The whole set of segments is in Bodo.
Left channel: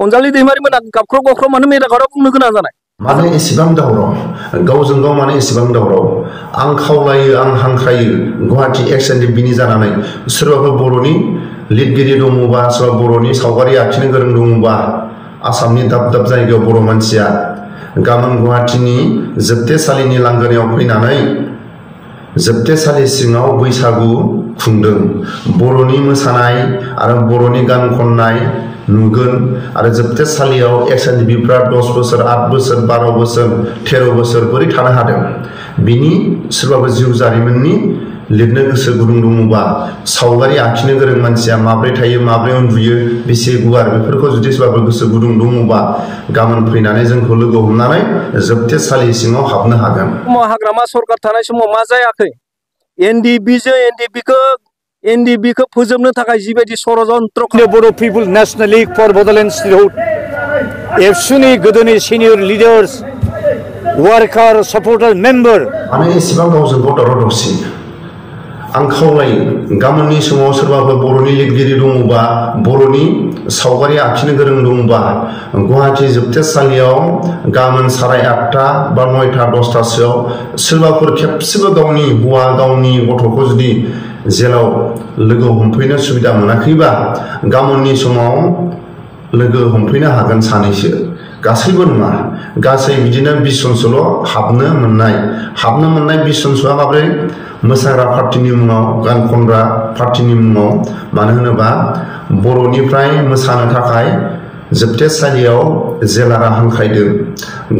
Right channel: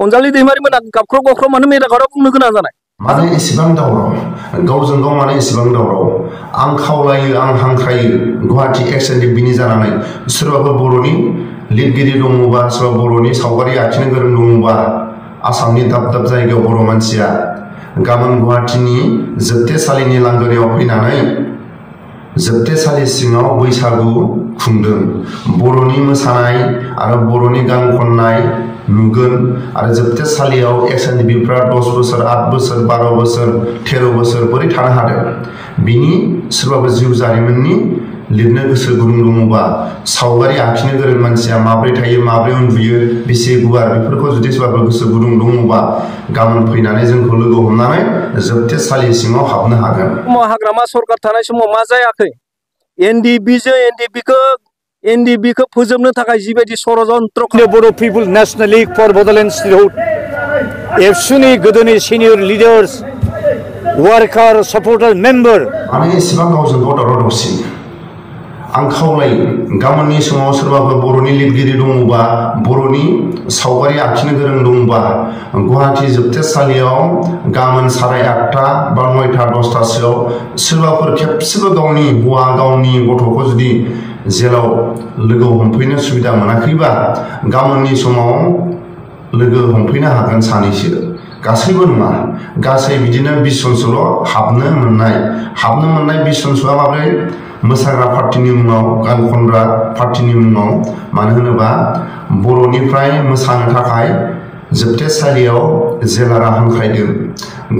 अनजालि दैमारि मोना गाबख्र गख्र मानो मेदाकाराव बुंनो गोनां जानाय माने एसेबां दावराव गावजों गाव माने एसेबां दावराव आं खावलायो आं हांख्रायो गुवाहाटी एक्स एन्ड बिनि जानानै सोरबाफोर बर'नि लिरगिरि दङबा सोरबा बर'नि सावगारि आखिनो गोरों दङबा आसामनि दाब दाब जायगायाव बर' मानसिया गाबोन गुवाहाटीनि जोबथेसालिनि लांगोनायाव फैनानै जोबथेसालि सिङाव बैसागु खुंदों बर'नि मोसानाय आरो बर'नि गान खननाय नुगोन आरो जोबथेसालियाव एक्स एन्ड बिफ्रा 10 बोसोर 8 बोसोर 12 बोसोर 13 बोसोर बोरै थानो हादों बिनि सोरबाबो जिउ जारिमिननि लिरनो गोसो गुदुं दङबा सावगारि आखिनो गोरों मानसिया माब्रै थायो माब्रै उन्दुयो बेसे गुवार बेफोरखौ जुदि सोरबाबो गोसो गुदुं दङबा गाबोन फैनानै जोंखौ लोगो हमनानै जोबथेसालि सिङाव हाबनो हागोन हाग्रामा सरकार थानाय समाव मा जायाखै एनडिबि खौ फोजोबनो थाखाय जिबायदि षड़यन्त्र Bodo' people national league for Bodoland state एबसुनि गोदोनि senior leaders worker supporter member माने एसेबां गावजों गाव दावराव दावसि आं खावलायो गाबोननि समाव सोरबाफोर बर'नि लिरगिरि दङबा बर'नि सावगारि आखिनो गोरों दङबा गुवाहाटी जोबथेसालियाव गाबोन 8:30 बा 9टा 10टासोआव सोरबाफोर खेबसेबो गावनि हौवा गावनि गथ'खौ जुदि जेलाव लोगो हमफैनो सुबिदा मोनाखैबा गाबोननि समाव लोगो हमफैनो हागोन सानैसो गासैबो नङा गासै बिदिनो 20 जनसोल' हाबनो मोननाय 20 जनसोआ माब्रै मोसाग्रा पार्टीनि मुङाव गान खनग्रा पार्टीनि मुङाव मानो होनोबा बर'निफ्राय मोसानो थाखाय जोबथेसालियाव जेलारा हांख्रायदों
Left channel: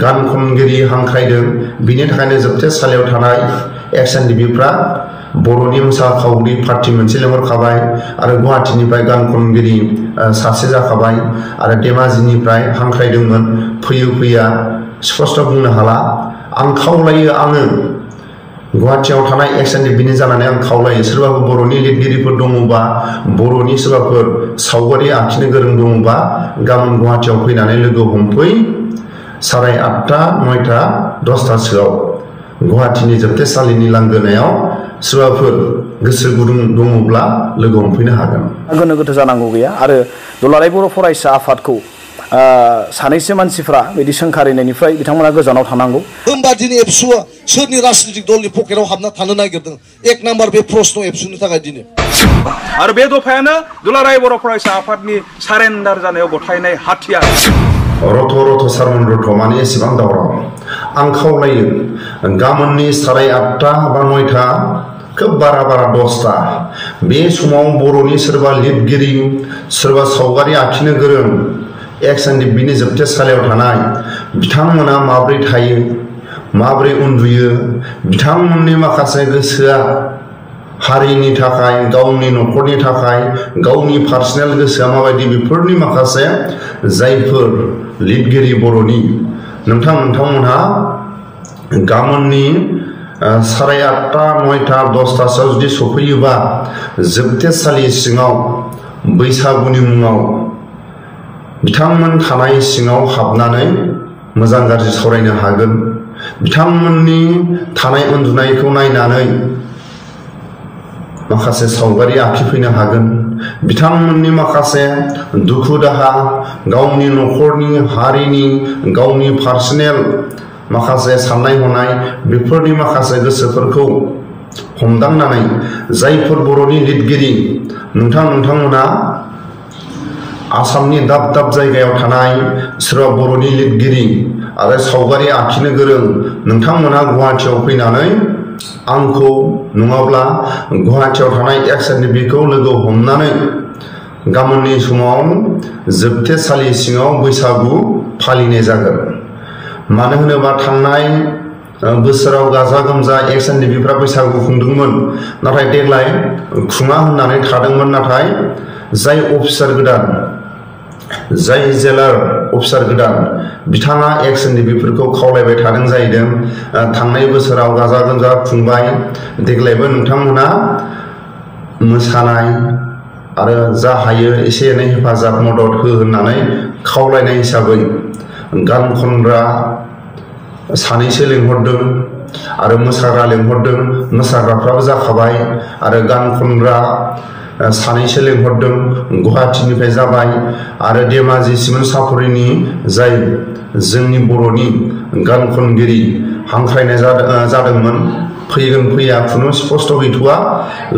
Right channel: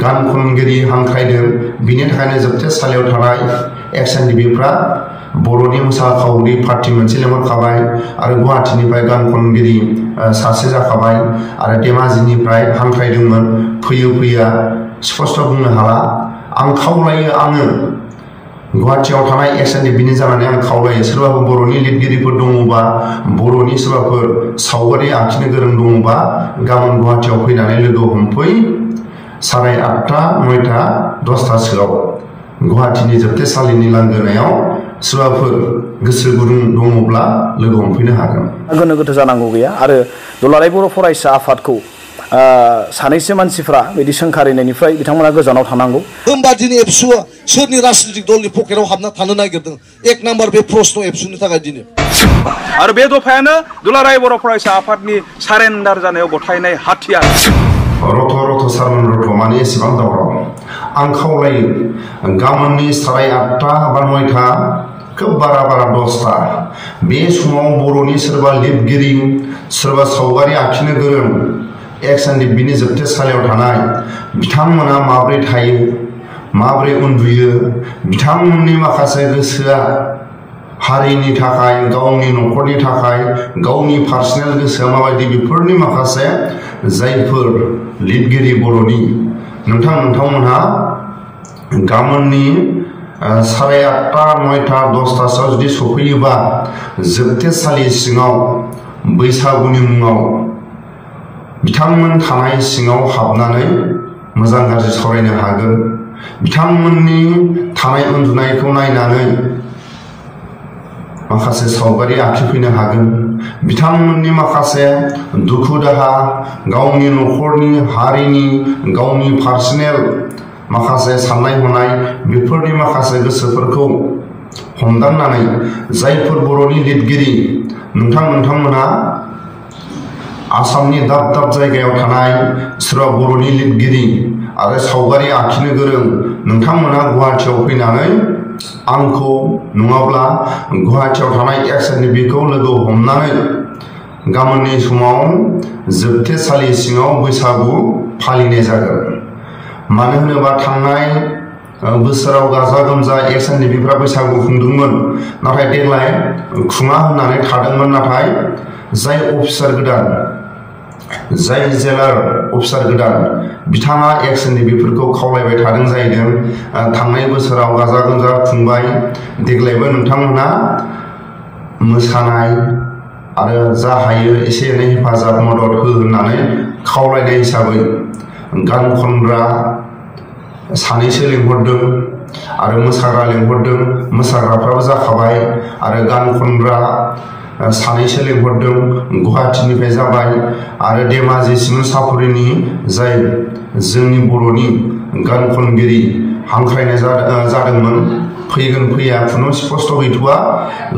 गान खनगिरि हांख्रायदों बिनि थाखायनो जोबथेसालियाव थानाय एक्स एन्ड बिफ्रा बर'नि मोसाखावरि पार्टी मोनसे लेंहरखाबाय आरो गुवाहाटीनिफ्राय गान खनगिरि सासे जाखाबाय आरो धेमाजिनिफ्राय हांख्रायदोंमोन फैया स्पष्ट बुंनो हाला आं खावलायो आङो गुवाहाटीयाव थानाय एक्स एन्ड बिनि जानानै आं खावलायो सोरबाफोर बर'नि लिरगिरिफोर दङबा बर'नि सोरबाफोर सावगारि आखिनो गोरों दङबा गाबोन गुवाहाटीयाव फैनानै लोगो हमफै 8:30 9टा 10टासोआव गुवाहाटीनि जोबथेसालिनि लांगोनायाव सोरबाफोर गोसो गुदुं दङब्ला लोगो हमफैनो हागोन गोनो गोथो जानांगौ गैया आरो दुलाराय बर' फरायसा आफादखौ सानैसो मानसिफ्रा बिदि सोंखारिनायनिफ्राय बिथांमोना गोजानाव थानांगौ होमबा दिनै एबसुआ सोरनि राजनीतिक दलनि पकेटाव हाबना थानो नागिरदों एक नाम्बार बे प्रश्न एबसुनि थाखाय दिनै आरो बे दफायानो दुलाराय बर' फरायसा आफादनि सारेन्डार जानायाव गथायनाय हाथियार रथ' सारमोन रथ' माने एसेबां दावराव आं खावलायो गाबोननि 8:30 बा 9टा खोब बारा 10टा बे समाव बर'नि सोरबा लिरगिरि सोरबा सावगारि आखिनो गोरों एक्स एन्ड बिनि जोबथेसालियाव थानाय बिथांमोना माब्रै थायो माब्रै उन्दुयो बिथांमोननि माखासे गोसोआ हारिनि थाखाय गावनि न'खरनि थाखाय गावनि पार्सनेल गोसोआ माबायदि बेफोरनि माखासे जायफोर लिरगिरि बर'नि नोंथांमोनहा गाबोननि 8:30 9टा 10टासोआव जुदि सफैयोबा जोबथेसालि सिङाव बैसागुनि मुङाव बिथांमोन थानाय सिङाव हाबनानै मोजां गाज्रि सावरायनो हागोन बिथांमोननि थानाय उन्दुनायखौ नायनानै माखासे सावगारि आखिफैनो हागोन बिथांमोननि माखासे दुखु दाहा गावनि न'खरनि हारिनि गावनि पार्सनेल माखासे साननाय हनाय बेफोरनि माखासे गोसोफोरखौ हमदांनानै जायफोर बर'नि लिरगिरि नोंथांमोना आसामनि दाब दाब जायगायाव थानाय सोरबा बर'नि लिरगिरि आरो सावगारि आखिनो गोरों नोंथांमोना गुवाहाटीयाव फैनानै आंखौ नङाब्ला गुवाहाटीयाव थानाय एक्स एन्ड बिखौ लोगो हमनानै गाबोननि समाव जोबथेसालि सिङाव बैसागु फालिनाय जागोन मानो होनोबा थांनाय बोसोराव गाजा गोमजा एक्स एन्ड बिफ्रा बैसागु खुंदोंमोन नाथाय देग्लाय खुङा होननानै थादोंमोन नाथाय जाय अफिसार गोदान जाय जेलार अफिसार गोदान बिथाङा एक्स एन्ड बिफोरखौ खावलायबाय थादों जाहैदों थांनाय बोसोराव गाजा गोमजा खुंबाय देग्लायबो नोंथांमोना मोसानाय आरो जा हायो एसे एनै हेफाजाब मदद हो होननानै खावलायनाय हिसाबै गान खनग्रा सानैसो लेंहरदों आरो मोसाग्रा लेंहरदों मोसाग्राफ्राबो जाखाबाय आरो गान खनग्रा सानैसो लेंहरदों गुवाहाटीनिफ्राय जाबाय आरो धेमाजि सिमेन्ट सापरिनि जाय जोंनि बर'नि गान खनगिरि हांख्रायनाय जादोंमोन फैगोन फैया खुनु स्पष्ट गैथ'आ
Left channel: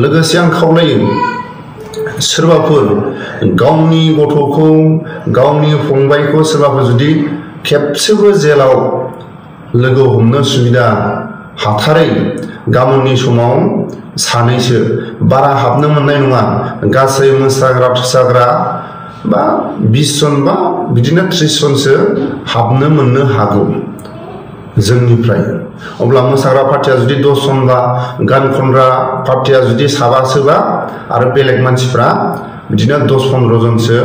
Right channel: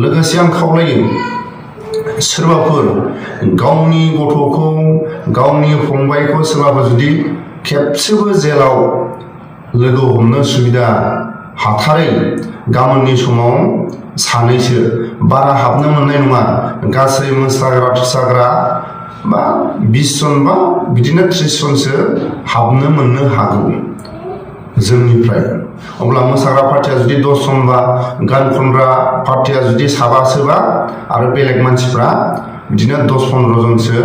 लोगोसे आं खावलायो सोरबाफोर गावनि गथ'खौ गावनि फंबायखौ सोरबाफोर जुदि खेबसेबो जेलाव लोगो हमनो सुबिदा हाथारै गाबोननि समाव सानैसो बारा हाबनो मोननाय नङा गासै मोसाग्रा थोसाग्रा बा 20 जन बा बिदिनो 30 जनसो हाबनो मोननो हागौ जोंनिफ्राय अब्ला मोसाग्रा पार्टिया जुदि 10 जन बा गान खनग्रा पार्टिया जुदि 7 सोबा आरो बेलेग मानसिफ्रा बिदिनो 10-15 जनसो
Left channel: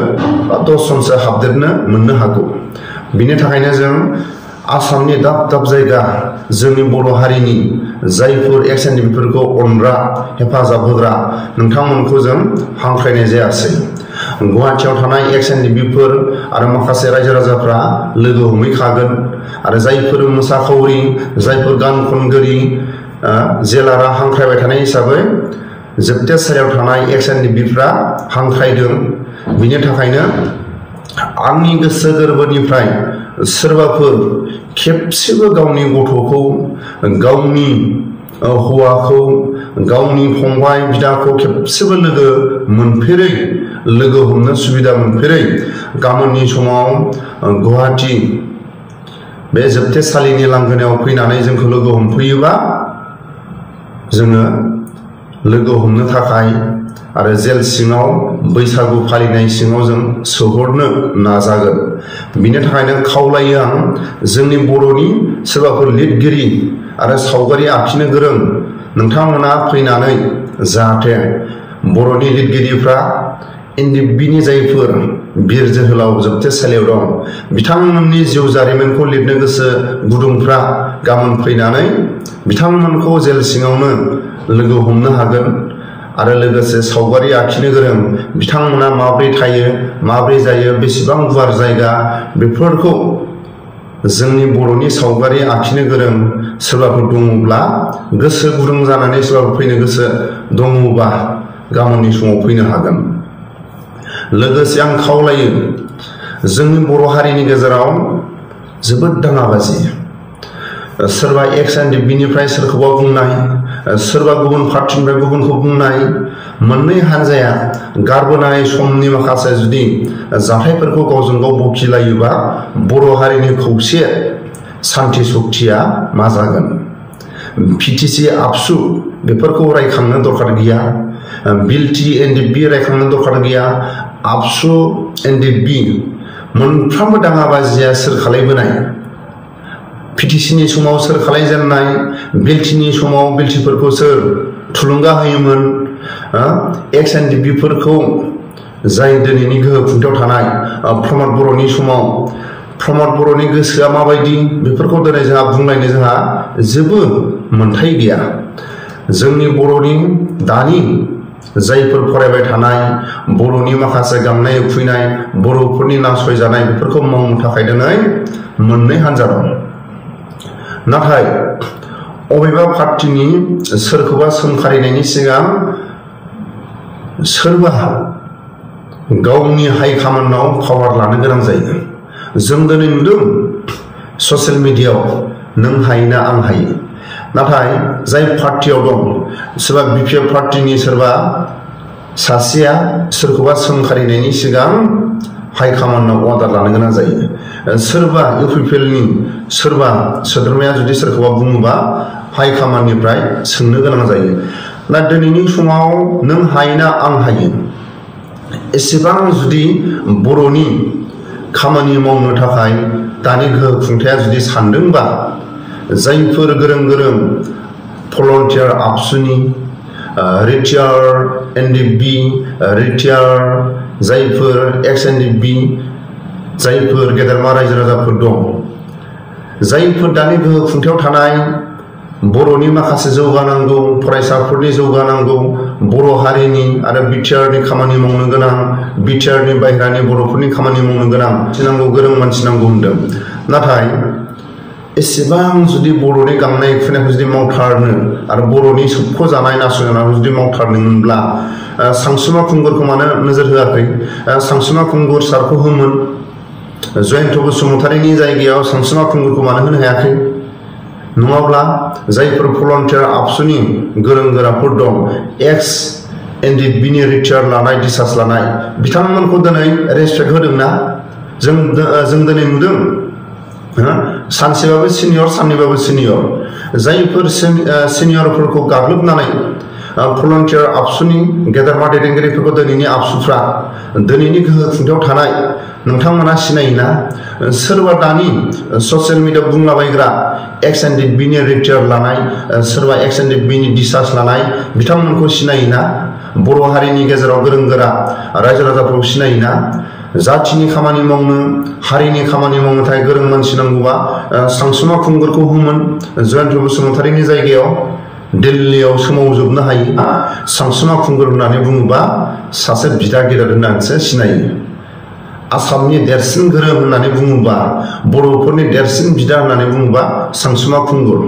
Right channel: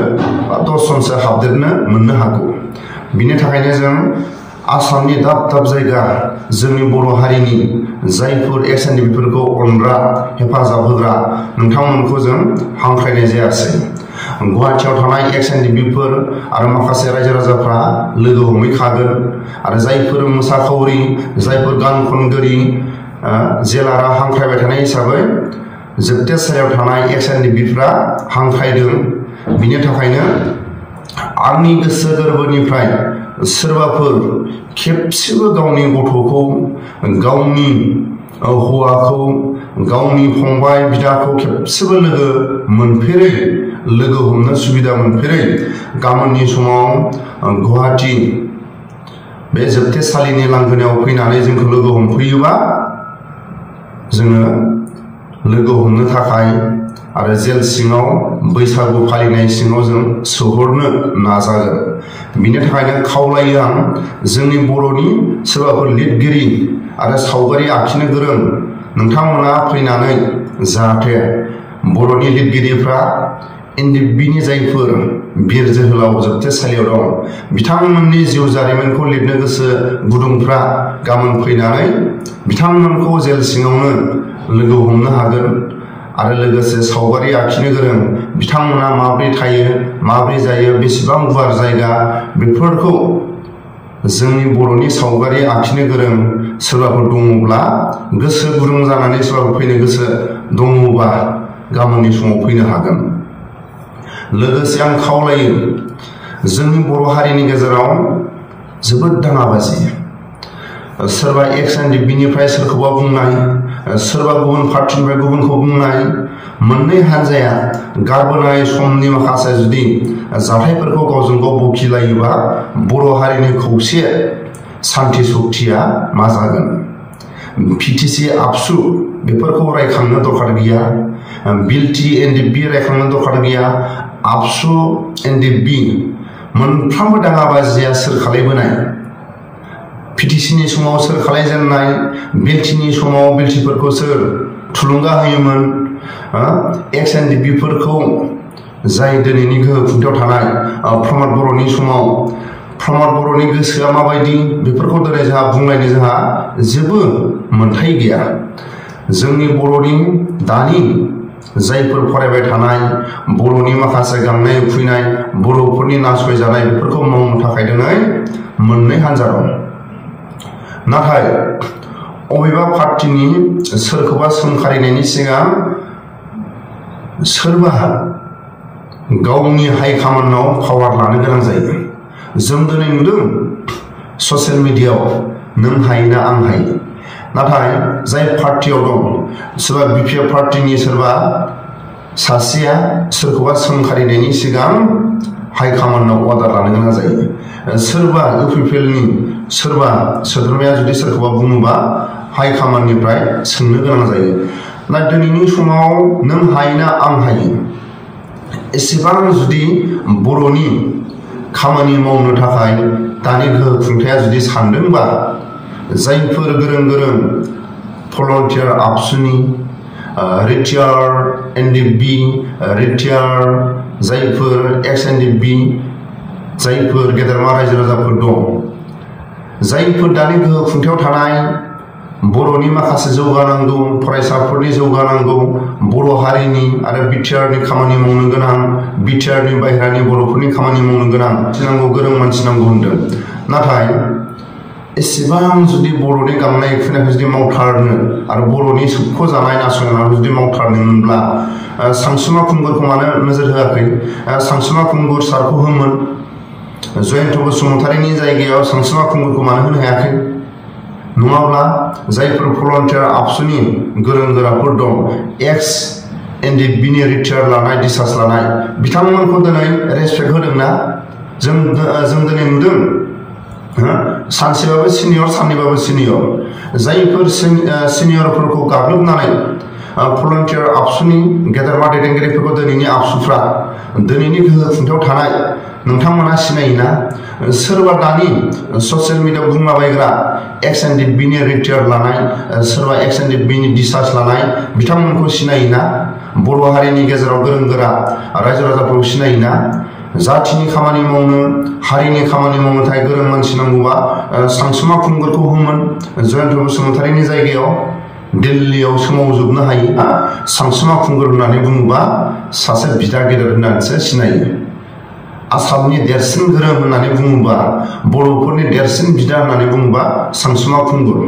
10 जनसो हाबदेरनो मोननो हागौ बिनि थाखायनो जों आसामनि दाब दाब जायगा जोंनि बर' हारिनि जायफोर एक्स-एन-डि-बिफोरखौ अनग्रा हेफाजाब होग्रा नोंथांमोनखौ जों हांख्रायनाय जायासै गुवाहाटीयाव थानाय एक्स-एन-डि-बिफोर आरो माखासे रायजो राजाफ्रा लोगो हमहैखागोन आरो जायफोर मोसाखावरि जायफोर गान खनगिरि जेलारा हांख्रायबाय थानाय हिसाबै जोबथेसालियाव थानाय एक्स-एन-डि-बिफ्रा हांख्रायदों बिनि थाखायनो आंनि गोसो गोरबोनिफ्राय सोरबाफोर खेबसेबो गावनि गथ'खौ गावनि हौवाखौ गावनि फंबाय बिदाखौ खेबसेबो लोगो मोनफेरै लोगो हमनो सुबिदा मोनफेरै गाबोननि समाव गुवाहाटी बे जोबथेसालिनि लांगोनायाव फैनानै जोंखौ लोगो हमफैयोबा जोङो लोगो हमनो थाखाय आरो जेल सिङाव बैसागु फालिनाय सिङाव जों सोहरनो नाजागोन बिनि थाखायनो खावलायो आं जोंनि बर'नि सोरबाफोर लिरगिरि आरो सावगारि आखिनो गोरों नोंथांमोना फैनानै जाहाथे बर'नि लिरगिरिफ्रा एन-डि-बिनि जायफोर बिर जोहोलाव जोबथेसालियाव दं बिथांमोननि जिउ जारिमिनखौ लिरनो गोसो गुदुंफ्रा गाबोन फैनानै बिथांमोनखौ जेल सिङावनो लोगो हमनो हागोन आरो लोगोसे सावगारि आखिनो गोरों बिथांमोना माब्रै थायो माब्रै जायो बेसेबां गुवार जायगा बेफोरखौ जोंनि बर'नि सावगारि आखिनो गोरों सोरबाफोर दङब्ला गोसो गुदुं जानानै सोरबाफोर फैनो गोसो दङबा गाबोननि समाव फैनो हागोन लोगोसे आं खावलायो जोंनि बर' हारिनि गेजेराव जोबोद दाङाबाजि सोरबा एक्स-एन-डि-बिनिफ्राय सोरखौबा बुंनाय सोरबा गुबुन पार्टिनिफ्राय गुबुनखौ बुंनाय मोननै हान्जाया गारबोनाय समनि माखासे जुदि जाथायफोरखौ गावजों गाव बखिलायोबा बर' हारिनि खौसे सान्थि सक्तिया मा जागोन पिटिसि आबसु बेफोरखौ रायखांनो दरखार गैया बिलटि एन-डि-बि रायखांनो दरखार गैया आबसु एन-डि-बि मोनफ्रोमबो दाङाबाजिया सोर खालायबोनाय पिटिसिनि समाव सोर खालायजेननाय बिलटिनि समाव बिलटिफोरखौ सोर थुलुंगा होयोमोन एक्स-एन-डि-बिफोरखौ जाय दिनैनि गोहो खुंथायाव थानाय प्रमद बर'नि समाव प्रमद बर'नि गोसोआ माबायदि बेफोरखौ दिनै जोंहा बुंलायनो जोंहा जेबो मोन्थाय गैया जोंनि बर'नि दानि जायफोर फरायबाय थानाय बर'नि माखासे गांनाय उखैनाय बर'फोरनि नासयजानाय बेफोरखौ मावनो थाखाय दिनै मोननै हान्जा दं नाथाय अबेबा पार्टिनि सोरखौबा सोंखारिनायनि सिगां सोरबा गावनि हाइ कमान्डआव पावार लानो गोनां जायो जों दिनै नुदों ससियेल मिडियायाव नों हायोना आं हायो नाथाय जाय पार्टियाव दं सोरबा बिपिएफ पार्टिनि सोरबा सासेया सोरखौबा सोंखारिनायनि सिगां हाइ कमान्डआव अर्डार लानो गोनां जायो सोरबा इउपिपिएलनि सोरबा सोद्रोमाया जुदि सोरखौबा बुङोबा हाइ कमान्डनिफ्राय सोंनो गोनां जायो ना दिनैनि समाव नों हायोना आं हायो एसेबां जुदि बर'नि खामानि मावनो थाखाय दानि गोहो खुंथाया जुदि सानदोंबा जायफोर गोरों गोरों भलन्टियार आबसुनि रिटायार्ड एन-डि-बि रिटायार्ड जायफोर एक्स-एन-डि-बि जायफोर गेदेरमा रायजो राजाफोर दं जायफोर दानि गोहो खुंथायाव थानाय बर'नि माखासे जौगानांगौ फरायसाफोरनि जौगानांगौ बर' हारिनि आरो बिटिआरनि खामानि मावनो गोनां बिटिआरनि बाहेरानि बर'फोरनि खामानि मावनो गोनां नांगौ गोरों मानसि नांगौ होनदों नाथाय एसेबां जुदि बर'नि गांनाय उखैनायखौ जुदि मावथारनो आरो बर'नि सोबख'जानाय नासयजानायखौ जुदि मावथारनोमोनब्ला सानसुमा खुंगुरखौ मानो नोजोर होआखै सानसुमा खुंगुर सारखौ होमोन जयन्त बसुमतारीनि जायगायाव सानसुमा खुंगुरखौ मानो होनो हायाखै नङाब्ला जायफोर भलन्टियार आबसुनि गोरों गोराफोर दं एक्स एनडिबिनि रिटायार लानाय डिसार्ज लानाय बिथांमोनखौ दिनै रेसपेक्ट होदोंना जों दिनै नुदों सानसेबाबो सिनियर साननैबाबो सिनियर जायफोर सिनियरफोरखौ गाग्लोबनानै भलन्टियार आबसुनि गेदेरमा दैदेनगिरिफोरखौ दिनैनि आबसुफ्रा दिनैनि गोहो खुंथायाव थानाय नोंथांमोना सिनायोना सोरबा दानि ससियेल मिडियायाव बुंलाबायग्रा एक्स एनडिबिनि रिटायार लानाय सोरबा एक्स एनडिबिनि डिसार्ज लानाय बिथांमोनखौ सिनायोना बर' हारिनि गेजेराव गोरों गोरा रायजो राजाफोरखौ सिनायोना जाथिनि खामानि मावनो हारिनि खामानि मावनो थाखाय गोरों मानसि नांगौबा सानसुमा खुंगुरखौ होमोन जयन्त बसुमतारीनि जायगायाव दिल्लीयाव सोमावजोबनो हायो सानसुमा खुंगुर होननानै बुङोबा सासे बिदा गेदेर होननानैसो सिनायो आसामनि देरसिन गोरों होननानै बुङोबा बर'फोरनि देरसिन बिदा होननानै बुङोबा सानसुमा खुंगुर